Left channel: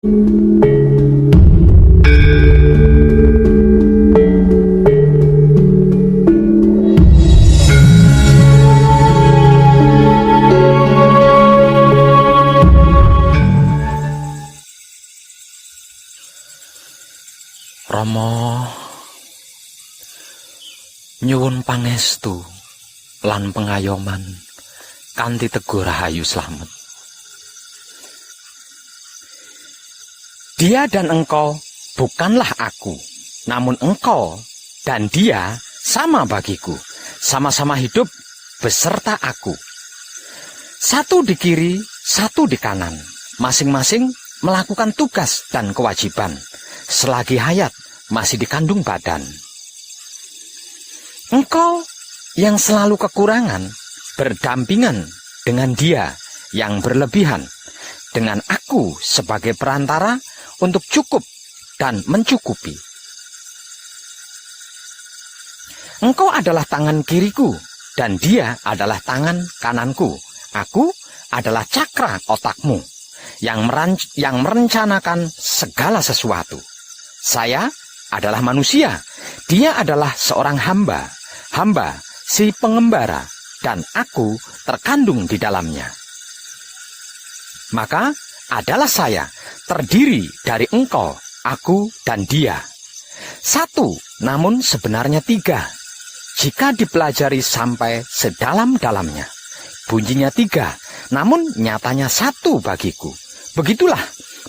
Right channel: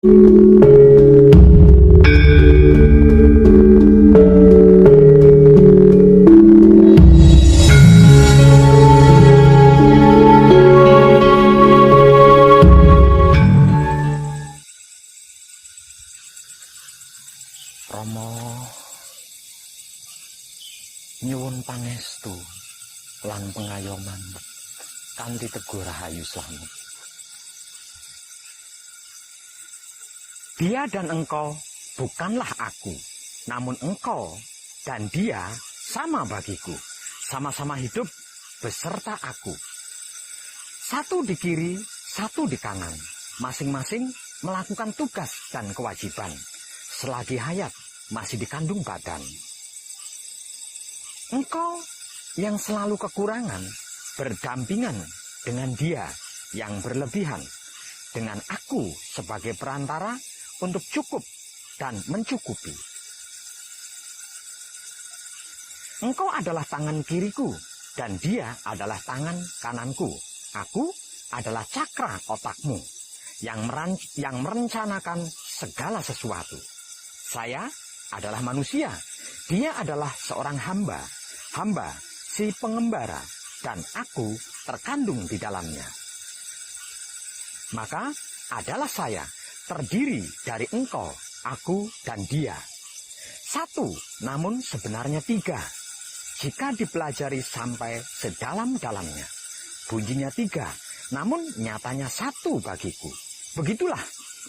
Rama nyuwun pangestu lan pengayoman kanthi teguh rahayu slamet. Dia dan engkau bukanlah aku, namun engkau dan dia sama bagiku, sama-sama hidup beserta aku. Satu di kiri, satu di kanan, masing-masing melakukan tugas dan kewajiban selagi hayat masih dikandung badan. Engkau yang selalu kekurangan berdampingan dengan dia yang berlebihan, dengan aku sebagai perantara untuk cukup dan mencukupi. Engkau adalah tangan kiriku dan dia adalah tangan kananku. Aku adalah cakra otakmu yang merencanakan segala sesuatu. Saya adalah manusia, dia adalah seorang hamba si pengembara, dan aku terkandung di dalamnya. Maka adalah saya terdiri dari engkau, aku, dan dia. Satu, namun sebenarnya tiga. Jika dipelajari sampai sedalam-dalamnya, bunyinya tiga, namun nyatanya satu bagiku. Begitulah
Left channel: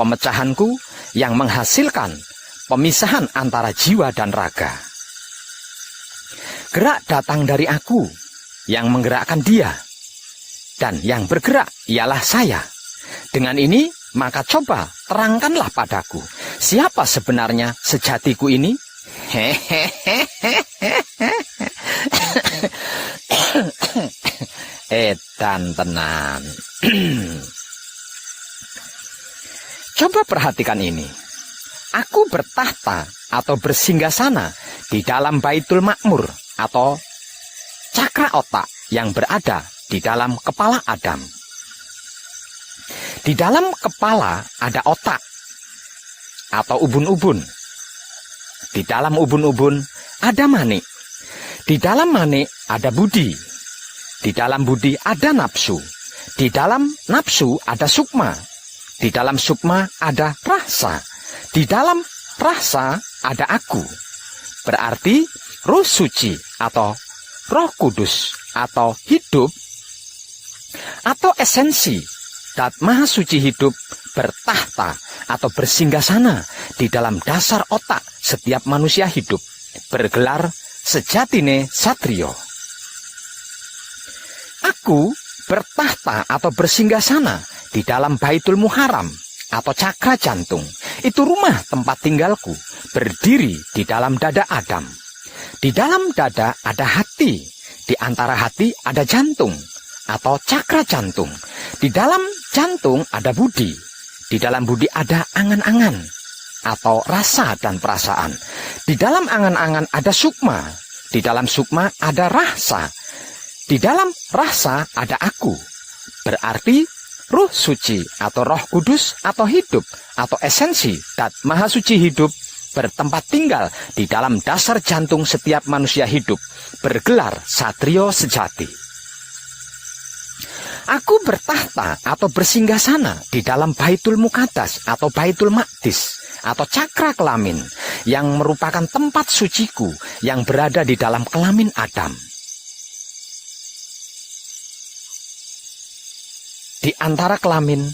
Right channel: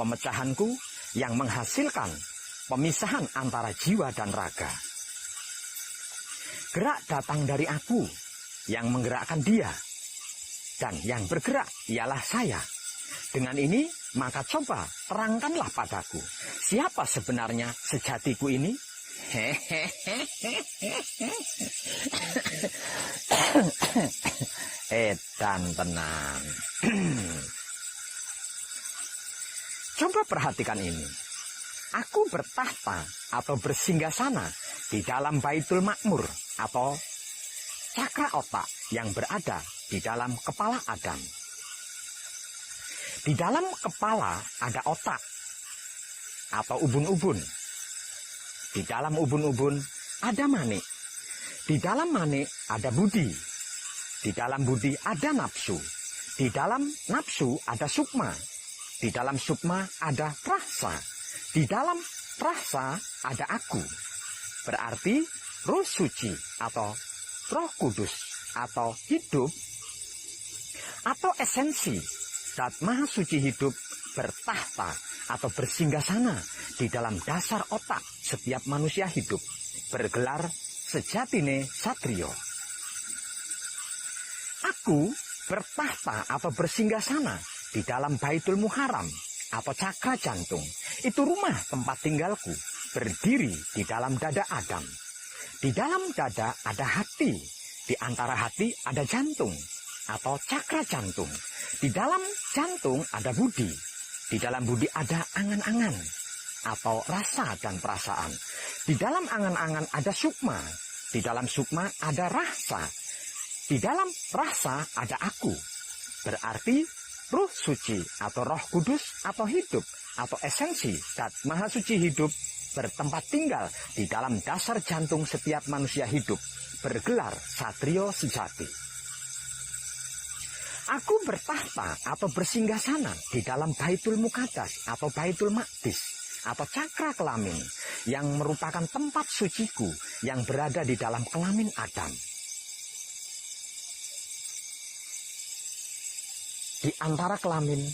pemecahanku yang menghasilkan pemisahan antara jiwa dan raga. Gerak datang dari aku, yang menggerakkan dia, dan yang bergerak ialah saya. Dengan ini, maka coba terangkanlah padaku, siapa sebenarnya sejatiku ini? Edan tenan. Coba perhatikan ini. Aku bertahta atau bersinggasana di dalam Baitul Makmur atau cakra otak yang berada di dalam kepala Adam. Di dalam kepala ada otak atau ubun-ubun. Di dalam ubun-ubun ada manik. Di dalam manik ada budi. Di dalam budi ada nafsu. Di dalam nafsu ada sukma. Di dalam sukma ada rasa. Di dalam rasa ada aku. Berarti Roh Suci atau Roh Kudus atau hidup atau esensi Dat Maha Suci hidup bertahta atau bersinggasana di dalam dasar otak setiap manusia hidup, bergelar sejatine satrio. Aku bertahta atau bersinggasana di dalam Baitul Muharram atau cakra jantung. Itu rumah tempat tinggalku, berdiri di dalam dada Adam. Di dalam dada ada hati, di antara hati ada jantung atau cakra jantung. Di dalam jantung ada budi. Di dalam budi ada angan-angan atau rasa dan perasaan. Di dalam angan-angan ada sukma. Di dalam sukma ada rasa. Di dalam rasa ada aku. Berarti Roh Suci atau Roh Kudus atau hidup atau esensi Dat Maha Suci hidup bertempat tinggal di dalam dasar jantung setiap manusia hidup, bergelar satrio sejati. Aku bertahta atau bersinggasana di dalam Baitul Muqaddas atau Baitul Maqdis atau cakra kelamin yang merupakan tempat suciku yang berada di dalam kelamin Adam. Di antara kelamin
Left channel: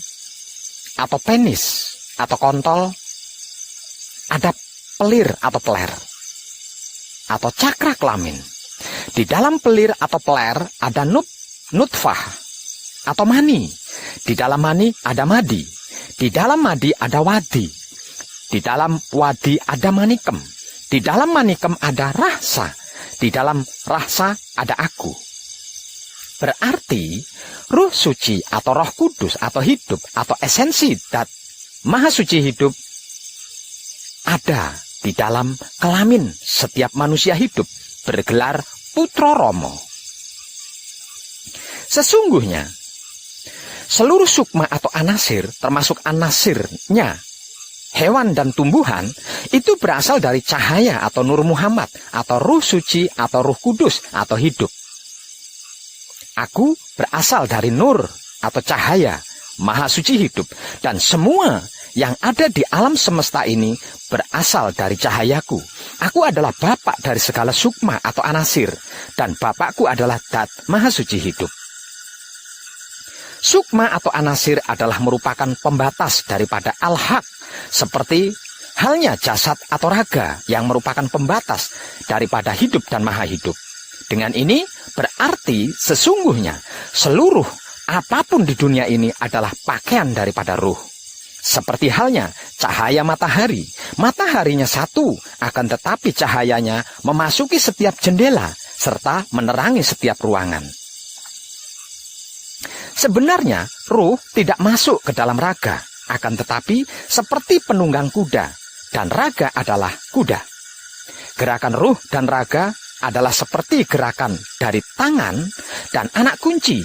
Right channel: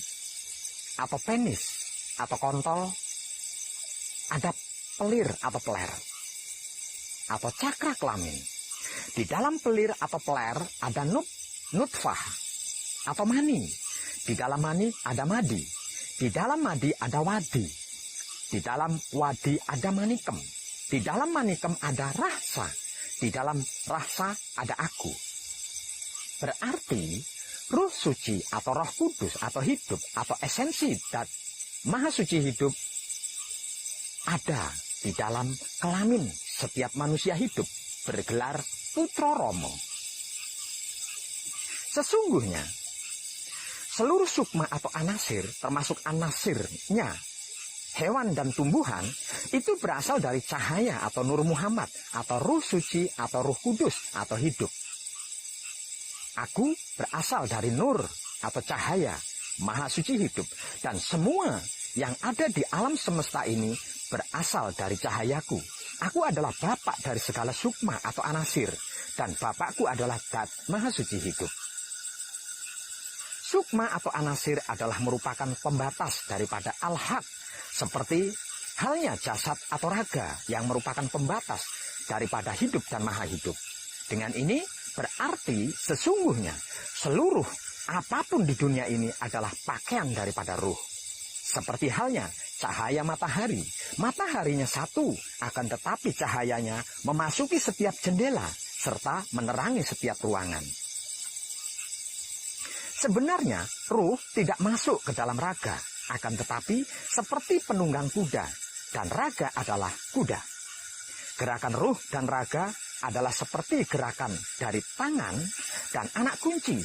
atau penis atau kontol ada pelir atau peler atau cakra kelamin. Di dalam pelir atau peler ada nutfah atau mani. Di dalam mani ada madi. Di dalam madi ada wadi. Di dalam wadi ada manikem. Di dalam manikem ada rasa. Di dalam rasa ada aku. Berarti Roh Suci atau Roh Kudus atau hidup atau esensi Dat Maha Suci hidup ada di dalam kelamin setiap manusia hidup, bergelar Putra Rama. Sesungguhnya seluruh sukma atau anasir, termasuk anasirnya hewan dan tumbuhan itu berasal dari cahaya atau Nur Muhammad atau Ruh Suci atau Ruh Kudus atau hidup. Aku berasal dari Nur atau cahaya, Maha Suci hidup, dan semua yang ada di alam semesta ini berasal dari cahayaku. Aku adalah bapak dari segala sukma atau anasir, dan bapakku adalah Dat Maha Suci hidup. Sukma atau anasir adalah merupakan pembatas daripada al-haq, seperti halnya jasad atau raga yang merupakan pembatas daripada hidup dan maha hidup. Dengan ini berarti sesungguhnya seluruh apapun di dunia ini adalah pakaian daripada ruh. Seperti halnya cahaya matahari. Mataharinya satu, akan tetapi cahayanya memasuki setiap jendela serta menerangi setiap ruangan. Sebenarnya ruh tidak masuk ke dalam raga, akan tetapi seperti penunggang kuda, dan raga adalah kuda. Gerakan ruh dan raga adalah seperti gerakan dari tangan dan anak kunci,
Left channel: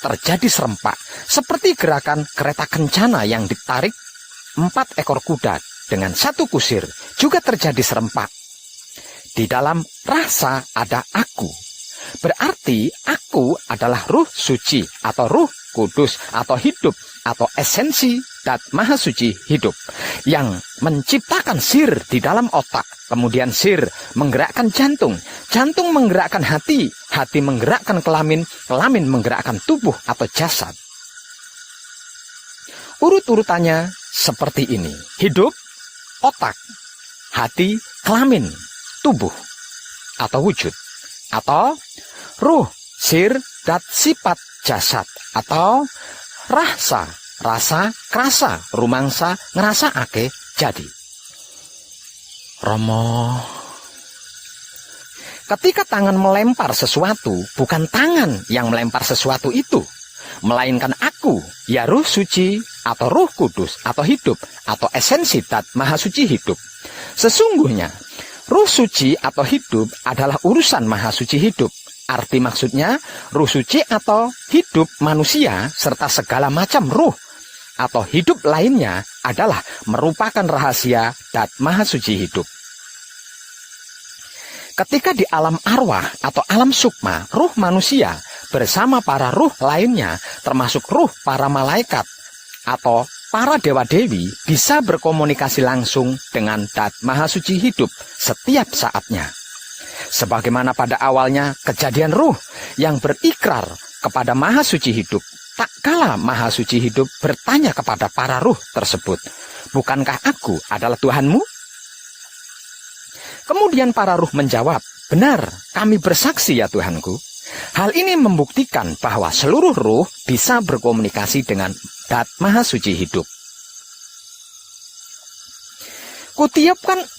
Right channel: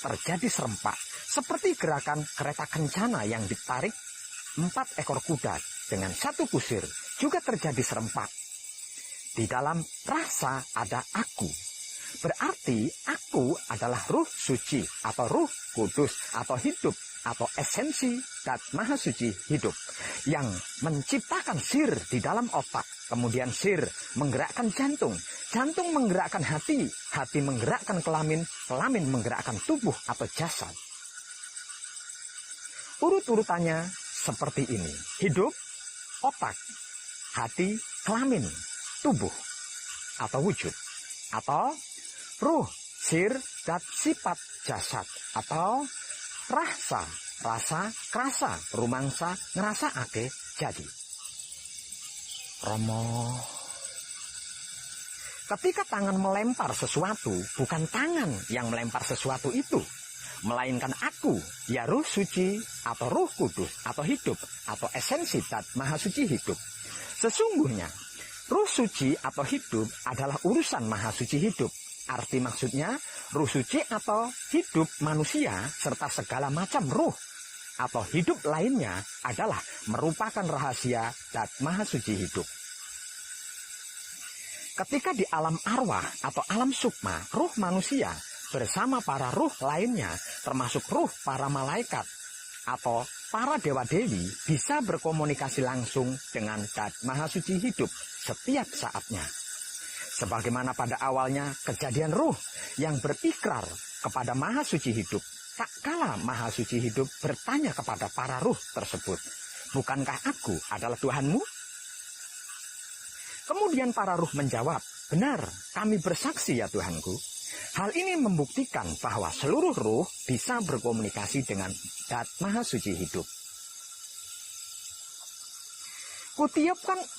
terjadi serempak, seperti gerakan kereta kencana yang ditarik 4 ekor kuda dengan 1 kusir, juga terjadi serempak. Di dalam rasa ada aku, berarti aku adalah Ruh Suci atau Ruh Kudus atau hidup atau esensi Dat Maha Suci hidup yang menciptakan sir di dalam otak. Kemudian sir menggerakkan jantung, jantung menggerakkan hati, hati menggerakkan kelamin, kelamin menggerakkan tubuh atau jasad. Urut-urutannya seperti ini: hidup, otak, hati, kelamin, tubuh atau wujud, atau ruh, sir, dat, sifat, jasad, atau rasa, rasa, krasa, rumangsa, ngerasa ake, jadi. Romo, ketika tangan melempar sesuatu, bukan tangan yang melempar sesuatu itu, melainkan aku, ya Ruh Suci atau Ruh Kudus atau hidup atau esensi Dat Maha Suci hidup. Sesungguhnya Ruh Suci atau hidup adalah urusan Maha Suci hidup. Arti maksudnya Ruh Suci atau hidup manusia serta segala macam ruh atau hidup lainnya adalah merupakan rahasia Dat Maha Suci hidup. Ketika di alam arwah atau alam sukma, ruh manusia bersama para ruh lainnya termasuk ruh para malaikat atau para dewa-dewi bisa berkomunikasi langsung dengan Dat Maha Suci hidup setiap saatnya. Sebagaimana pada awalnya kejadian ruh yang berikrar kepada Maha Suci hidup, tak kala Maha Suci hidup bertanya kepada para ruh tersebut, "Bukankah aku adalah Tuhanmu?" Kemudian para ruh menjawab, "Benar, kami bersaksi ya Tuhanku." Hal ini membuktikan bahwa seluruh ruh bisa berkomunikasi dengan Dat Maha Suci hidup.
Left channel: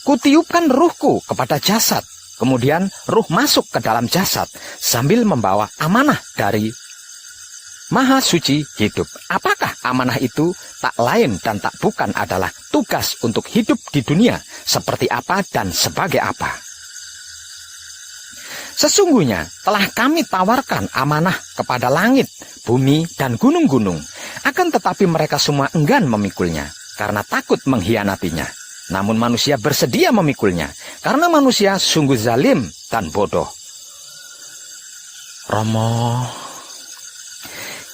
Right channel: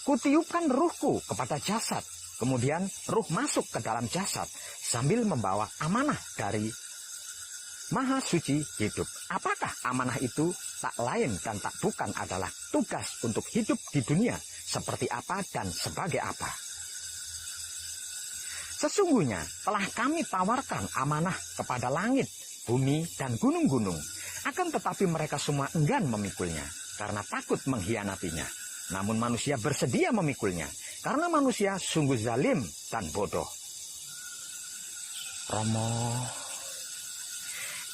Kutiupkan ruhku kepada jasad. Kemudian ruh masuk ke dalam jasad sambil membawa amanah dari Maha Suci hidup. Apakah amanah itu? Tak lain dan tak bukan adalah tugas untuk hidup di dunia seperti apa dan sebagai apa. Sesungguhnya telah kami tawarkan amanah kepada langit, bumi, dan gunung-gunung. Akan tetapi mereka semua enggan memikulnya karena takut mengkhianatinya. Namun manusia bersedia memikulnya karena manusia sungguh zalim dan bodoh. Romo,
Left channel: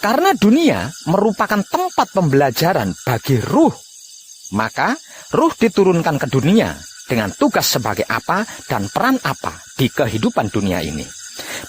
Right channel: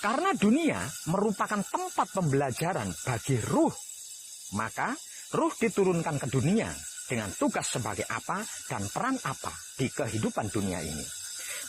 karena dunia merupakan tempat pembelajaran bagi ruh, maka ruh diturunkan ke dunia dengan tugas sebagai apa dan peran apa di kehidupan dunia ini.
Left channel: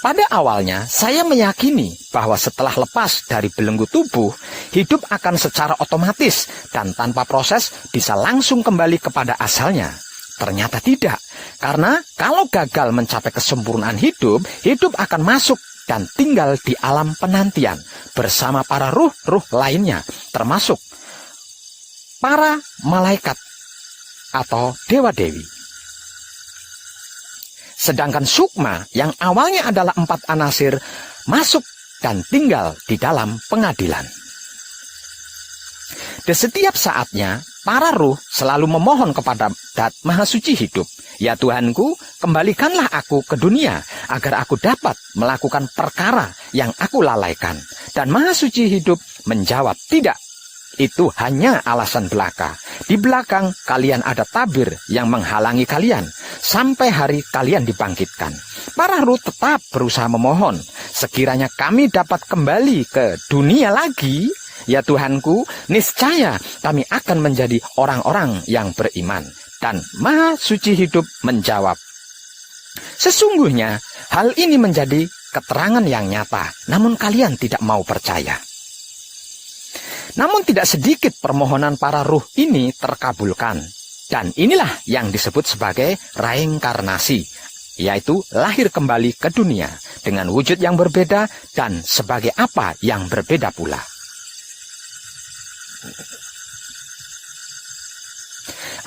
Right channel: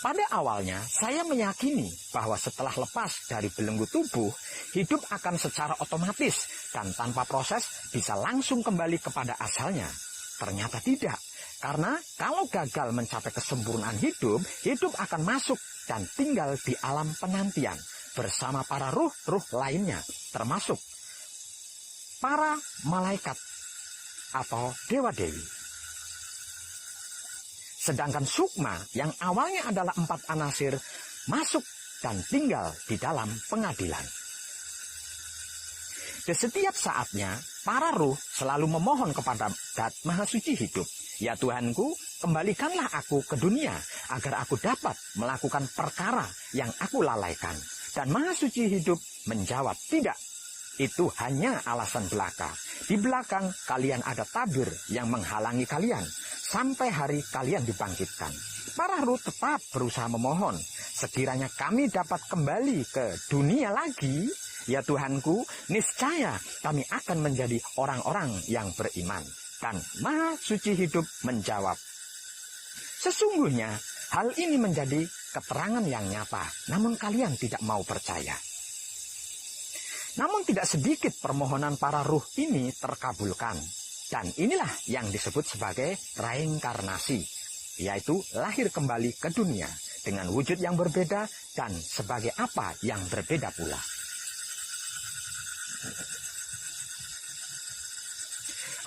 Pada awalnya saya meyakini bahwa setelah lepas dari belenggu tubuh, hidup akan secara otomatis dan tanpa proses bisa langsung kembali kepada asalnya. Ternyata tidak, karena kalau gagal mencapai kesempurnaan hidup, hidup akan masuk dan tinggal di alam penantian bersama para ruh-ruh lainnya, termasuk para malaikat atau dewa-dewi. Sedangkan sukma yang awalnya adalah 4 anasir masuk dan tinggal di dalam pengadilan. Di setiap saatnya, para ruh selalu memohon kepada Dat Maha Suci hidup, "Ya Tuhanku, kembalikanlah aku ke dunia agar aku dapat melakukan perkara yang aku lalaikan." Dan Maha Suci hidup menjawab, "Tidak, itu hanya alasan belaka. Di belakang kalian ada tabir yang menghalangi kalian sampai hari kalian dibangkitkan. Para Ruh tetap berusaha memohon, sekiranya kami dapat kembali ke dunia lagi, ya Tuhanku, niscaya kami akan menjadi orang-orang yang beriman. Dan Maha Suci Hidup menjawab, sesungguhnya hal ini menjadi keterangan yang nyata, namun kalian tidak mau percaya. Namun tidak sedikit permohonan para ruh ini terkabulkan. Dan inilah yang disebut sebagai reinkarnasi, yaitu lahir kembali ke dunia dengan wujud yang berbeda dan sebagai apa yang berbeda pula.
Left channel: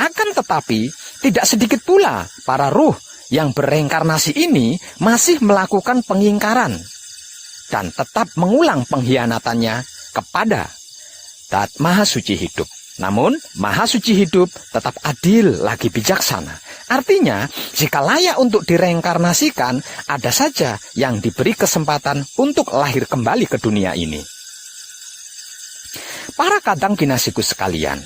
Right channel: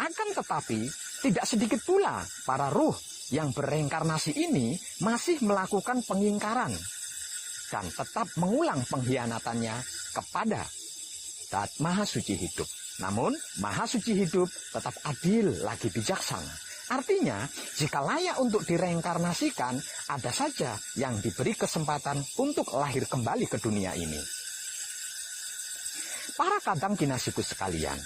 Akan tetapi, tidak sedikit pula para ruh yang bereinkarnasi ini masih melakukan pengingkaran dan tetap mengulang pengkhianatannya kepada Dat Maha Suci Hidup. Namun, Maha Suci Hidup tetap adil lagi bijaksana. Artinya, jika layak untuk direinkarnasikan, ada saja yang diberi kesempatan untuk lahir kembali ke dunia ini. Para kadang kinasiku sekalian,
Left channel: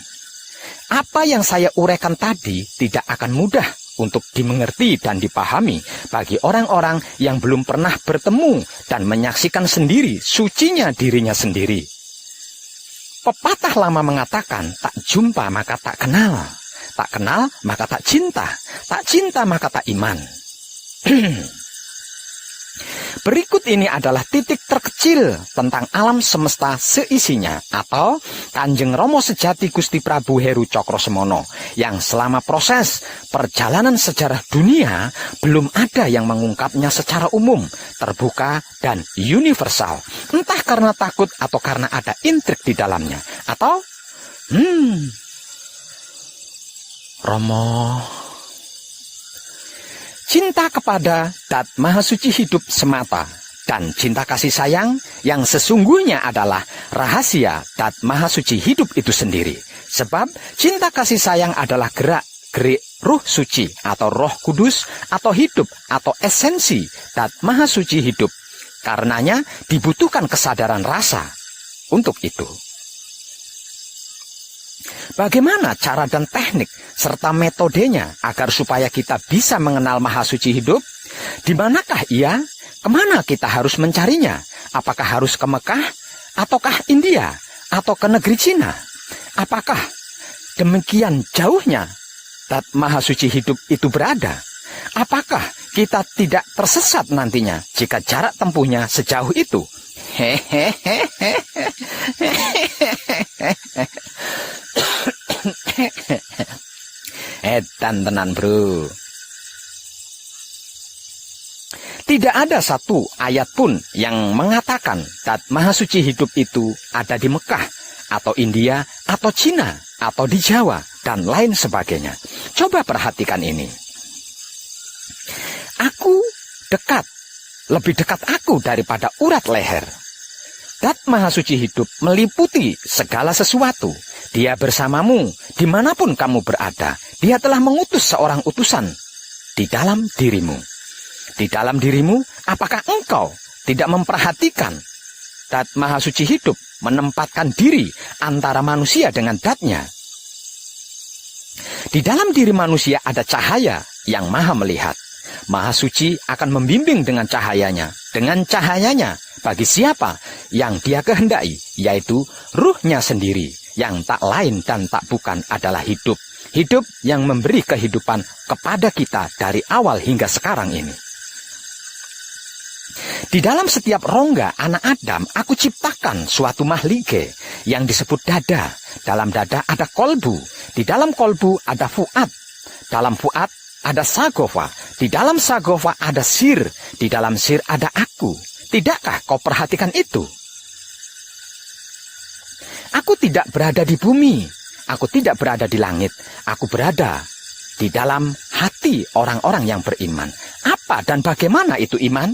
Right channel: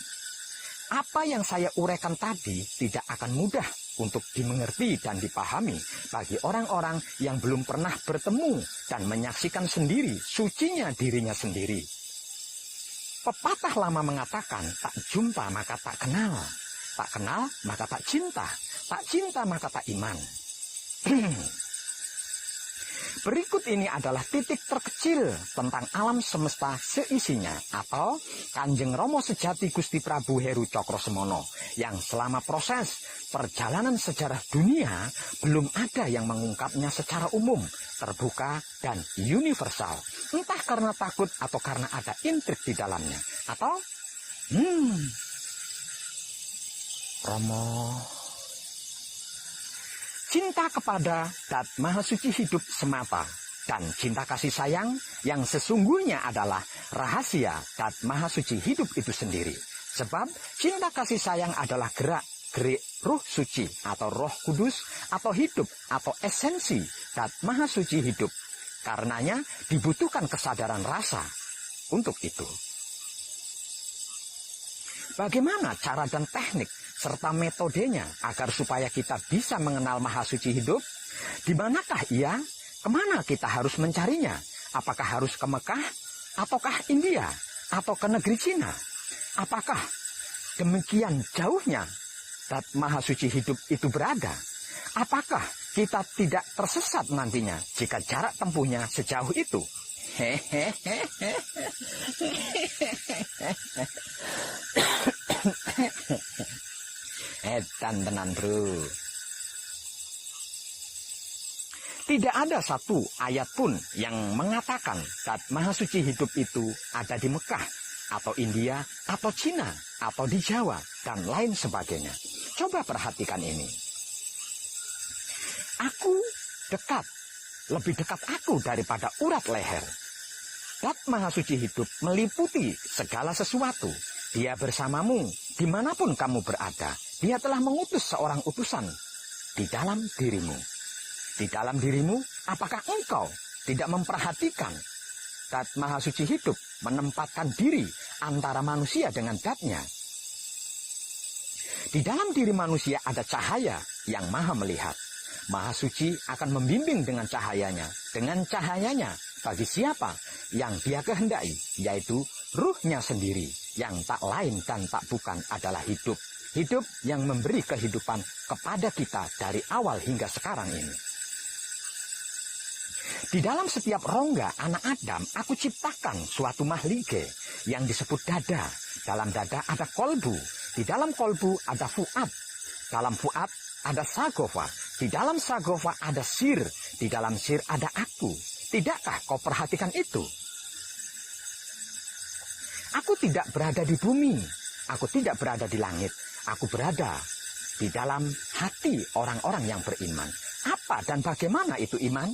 apa yang saya uraikan tadi tidak akan mudah untuk dimengerti dan dipahami bagi orang-orang yang belum pernah bertemu dan menyaksikan sendiri sucinya dirinya sendiri. Pepatah lama mengatakan, tak jumpa maka tak kenal maka tak cinta maka tak iman. Berikut ini adalah titik terkecil tentang alam semesta seisinya, atau Kanjeng Rama Sejati Gusti Prabu Heru Cokrosemono, yang selama proses perjalanan sejarah dunia belum ada yang mengungkapnya secara umum, terbuka, dan universal. Entah karena takut atau karena ada intrik di dalamnya, atau Romo, cinta kepada Dat Maha Suci Hidup semata, dan cinta kasih sayang yang sesungguhnya adalah rahasia Dat Maha Suci Hidup itu sendiri. Sebab cinta kasih sayang adalah gerak-gerik Ruh Suci atau Roh Kudus atau hidup atau esensi Dat Maha Suci Hidup. Karenanya dibutuhkan kesadaran rasa untuk itu. Bagaimana cara dan teknik serta metodenya agar supaya kita bisa mengenal Maha Suci Hidup? Di manakah ia? Kemana kita harus mencarinya? Apakah harus ke Mekah? Ataukah India? Atau ke negeri Cina? Apakah demikian jauhnya Dat Maha Suci Hidup itu berada? Apakah kita tidak tersesat nantinya jika jarak tempuhnya sejauh itu? Edan tenan bro. Tidak ada satu ayat pun yang mengatakan Dat Maha Suci Hidup itu ada di Mekah, atau India, atau Cina, atau di Jawa, dan lain sebagainya. Coba perhatikan ini. Aku dekat, lebih dekat aku daripada urat leher. Dat Maha Suci Hidup meliputi segala sesuatu. Dia bersamamu dimanapun kamu berada. Dia telah mengutus seorang utusan di dalam dirimu. Di dalam dirimu, apakah engkau tidak memperhatikan Dat Maha Suci Hidup menempatkan diri antara manusia dengan datnya? Di dalam diri manusia ada cahaya yang maha melihat. Maha Suci akan membimbing dengan cahayanya. Dengan cahayanya bagi siapa yang dia kehendaki, yaitu ruhnya sendiri, yang tak lain dan tak bukan adalah hidup. Hidup yang memberi kehidupan kepada kita dari awal hingga sekarang ini. Di dalam setiap rongga anak Adam, aku ciptakan suatu mahlige yang disebut dada. Dalam dada ada kolbu. Di dalam kolbu ada fuad. Dalam fuad ada sagofa. Di dalam sagofa ada sir. Di dalam sir ada aku. Tidakkah kau perhatikan itu? Aku tidak berada di bumi. Aku tidak berada di langit. Aku berada di dalam hati orang-orang yang beriman. Apa dan bagaimana itu iman?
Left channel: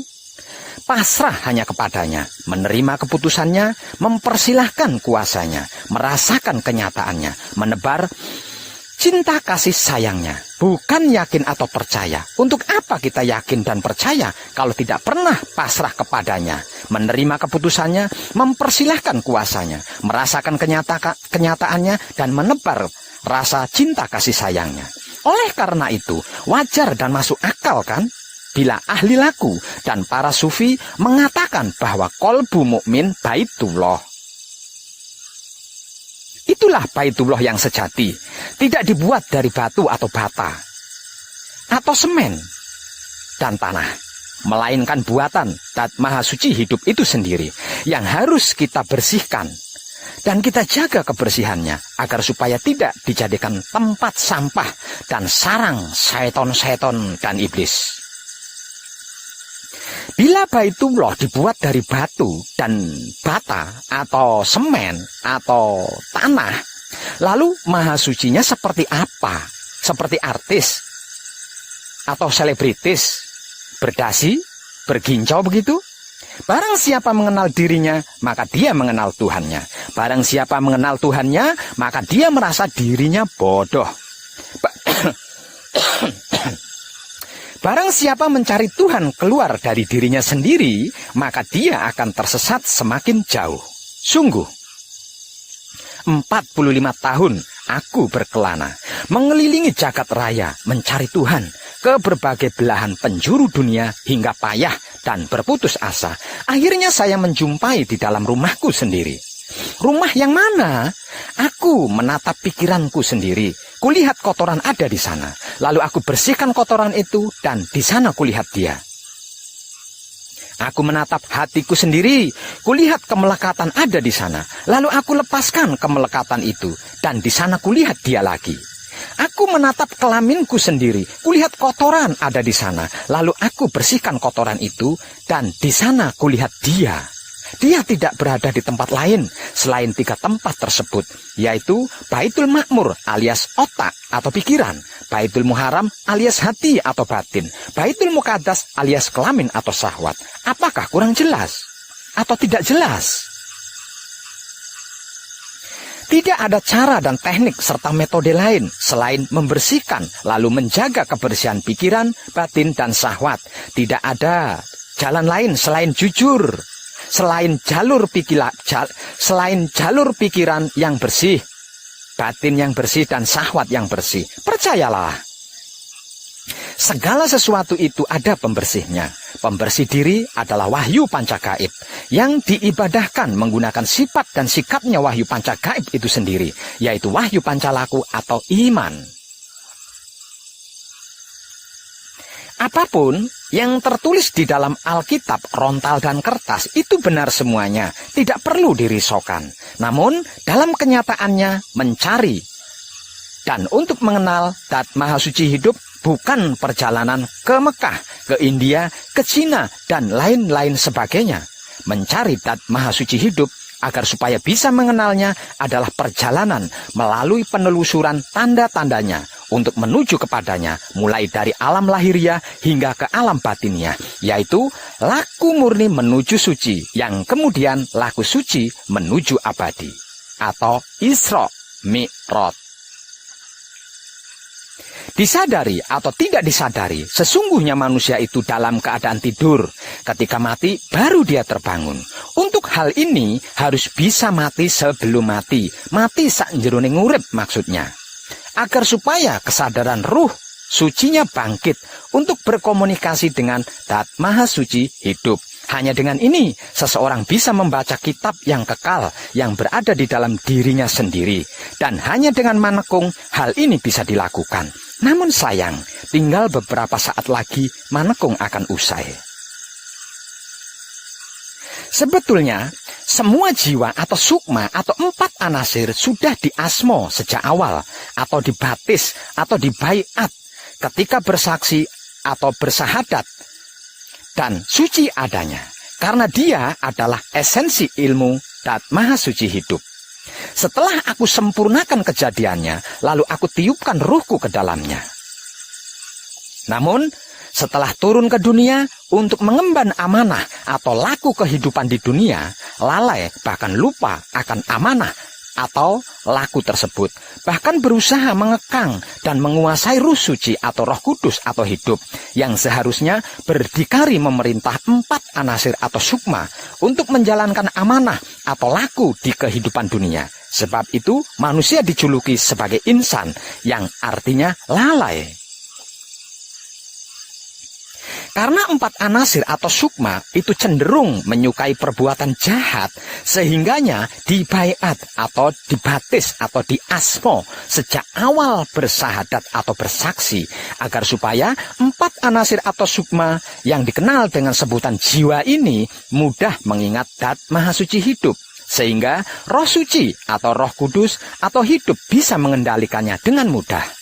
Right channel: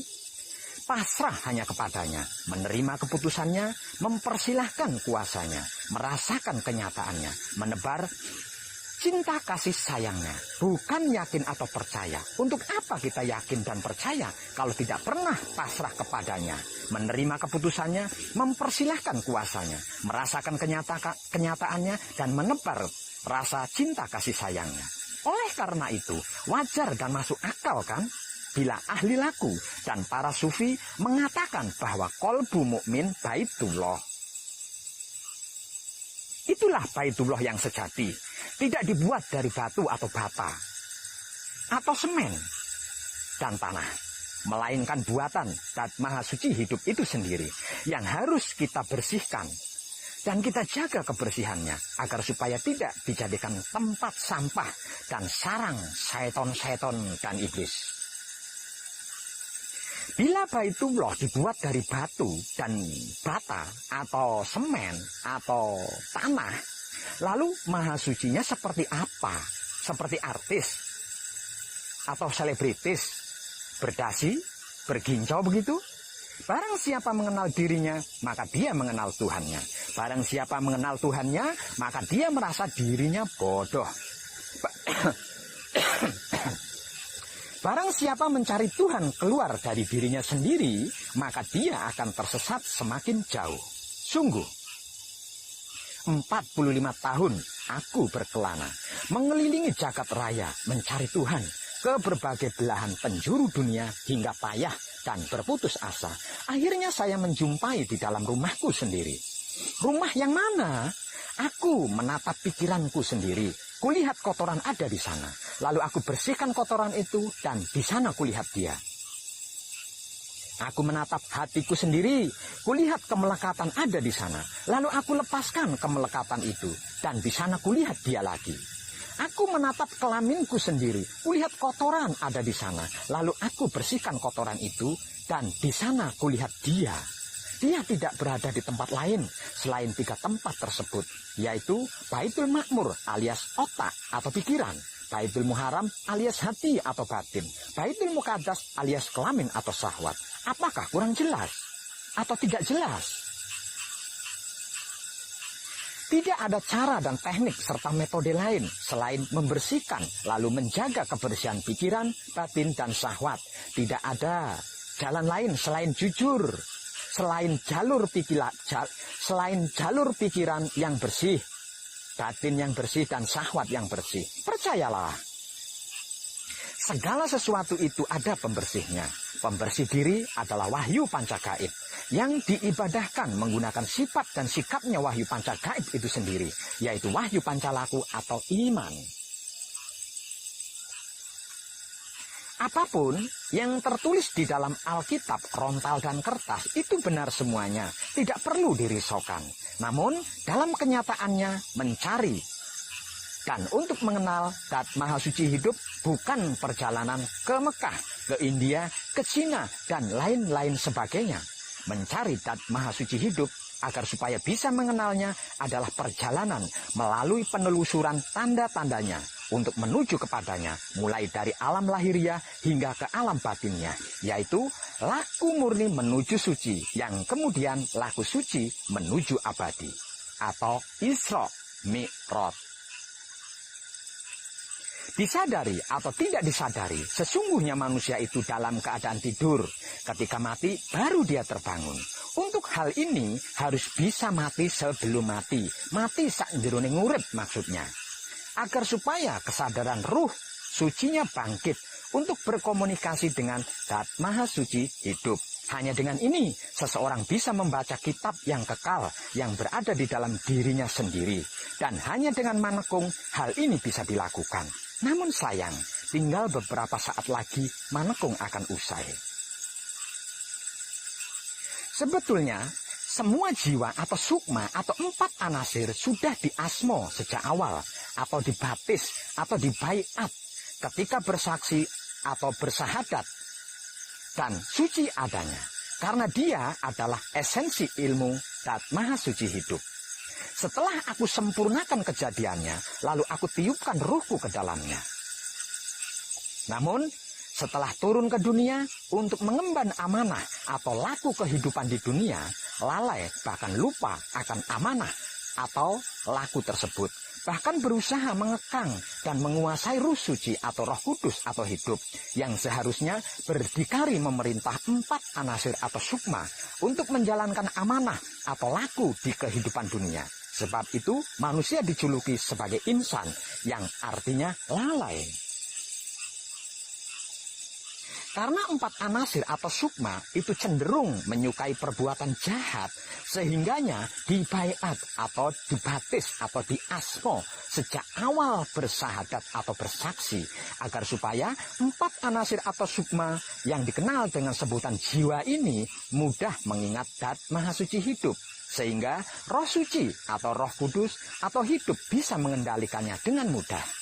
Pasrah hanya kepadanya, menerima keputusannya, mempersilahkan kuasanya, merasakan kenyataannya, menebar cinta kasih sayangnya, bukan yakin atau percaya. Untuk apa kita yakin dan percaya kalau tidak pernah pasrah kepadanya, menerima keputusannya, mempersilahkan kuasanya, merasakan kenyataannya, dan menebar rasa cinta kasih sayangnya. Oleh karena itu, wajar dan masuk akal kan bila ahli laku dan para sufi mengatakan bahwa kolbu mukmin baitullah. Itulah baitullah yang sejati, tidak dibuat dari batu atau bata, atau semen dan tanah, melainkan buatan Zat Maha Suci hidup itu sendiri yang harus kita bersihkan dan kita jaga kebersihannya agar supaya tidak dijadikan tempat sampah dan sarang syaiton-syaiton dan iblis. Bila baitullah dibuat dari batu dan bata atau semen atau tanah, lalu maha sucinya seperti apa? Seperti artis atau selebritis, berdasi, bergincau begitu? Barang siapa mengenal dirinya, maka dia mengenal Tuhannya. Barang siapa mengenal Tuhannya, maka dia merasa dirinya bodoh. Barang siapa mencari Tuhan keluar dari dirinya sendiri, maka dia akan tersesat semakin jauh. Sungguh, 45 tahun aku berkelana, mengelilingi jagat raya, mencari Tuhan ke berbagai belahan penjuru dunia hingga payah dan berputus asa. Akhirnya saya menjumpai di dalam rumahku sendiri. Rumah yang mana? Aku menatap pikiranku sendiri. Kulihat kotoran ada di sana. Lalu aku bersihkan kotoran itu dan di sana kulihat dia. Aku menatap hatiku sendiri. Kulihat kemelekatan ada di sana. Lalu aku lepaskan kemelekatan itu dan di sana kulihat dia lagi. Aku menatap kelaminku sendiri. Kulihat kotoran ada di sana. Lalu aku bersihkan kotoran itu dan di sana kulihat dia. Dia tidak berada di tempat lain selain 3 tempat tersebut, yaitu Baitul Ma'mur alias otak atau pikiran, Baitul Muharram alias hati atau batin, Baitul Muqaddas alias kelamin atau syahwat. Apakah kurang jelas atau tidak jelas? Tidak ada cara dan teknik serta metode lain selain membersihkan lalu menjaga kebersihan pikiran, batin, dan syahwat. Tidak ada jalan lain selain jujur. Selain jalur pikiran yang bersih, batin yang bersih, dan syahwat yang bersih. Percayalah, segala sesuatu itu ada pembersihnya. Pembersih diri adalah wahyu pancagaib yang diibadahkan menggunakan sifat dan sikapnya wahyu pancagaib itu sendiri, yaitu wahyu pancalaku atau iman. Apapun yang tertulis di dalam Alkitab, rontal dan kertas itu benar semuanya, tidak perlu dirisaukan. Namun dalam kenyataannya mencari dan untuk mengenal Zat Maha Suci hidup bukan perjalanan ke Mekah, ke India, ke Cina, dan lain-lain sebagainya. Mencari Zat Maha Suci hidup agar supaya bisa mengenalnya adalah perjalanan melalui penelusuran tanda-tandanya untuk menuju kepadanya, mulai dari alam lahiriah hingga ke alam batinnya, yaitu laku murni menuju suci, yang kemudian laku suci menuju abadi, atau Isra Mi'raj. Disadari atau tidak disadari, sesungguhnya manusia itu dalam keadaan tidur. Ketika mati, baru dia terbangun. Untuk hal ini harus bisa mati sebelum mati. Mati sak jeroning urip maksudnya. Agar supaya kesadaran ruh sucinya bangkit untuk berkomunikasi dengan Zat Maha Suci hidup. Hanya dengan ini, seseorang bisa membaca kitab yang kekal yang berada di dalam dirinya sendiri. Dan hanya dengan manekung, hal ini bisa dilakukan. Namun sayang, tinggal beberapa saat lagi manekung akan usai. Sebetulnya, semua jiwa atau sukma atau 4 anasir sudah diasmo sejak awal, atau dibaptis, atau dibaiat ketika bersaksi atau bersahadat, dan suci adanya. Karena dia adalah esensi ilmu Zat Maha Suci hidup. Setelah aku sempurnakan kejadiannya, lalu aku tiupkan ruhku ke dalamnya. Namun, setelah turun ke dunia untuk mengemban amanah atau laku kehidupan di dunia, lalai bahkan lupa akan amanah atau laku tersebut, bahkan berusaha mengekang dan menguasai Ruh Suci atau Roh Kudus atau hidup yang seharusnya berdikari memerintah 4 anasir atau sukma untuk menjalankan amanah atau laku di kehidupan dunia. Sebab itu manusia dijuluki sebagai insan yang artinya lalai. Karena 4 anasir atau sukma itu cenderung menyukai perbuatan jahat, sehingganya dibaiat atau dibatis atau diasmo sejak awal bersahadat atau bersaksi, agar supaya 4 anasir atau sukma yang dikenal dengan sebutan jiwa ini mudah mengingat Dat Maha Suci hidup, sehingga Roh Suci atau Roh Kudus atau hidup bisa mengendalikannya dengan mudah.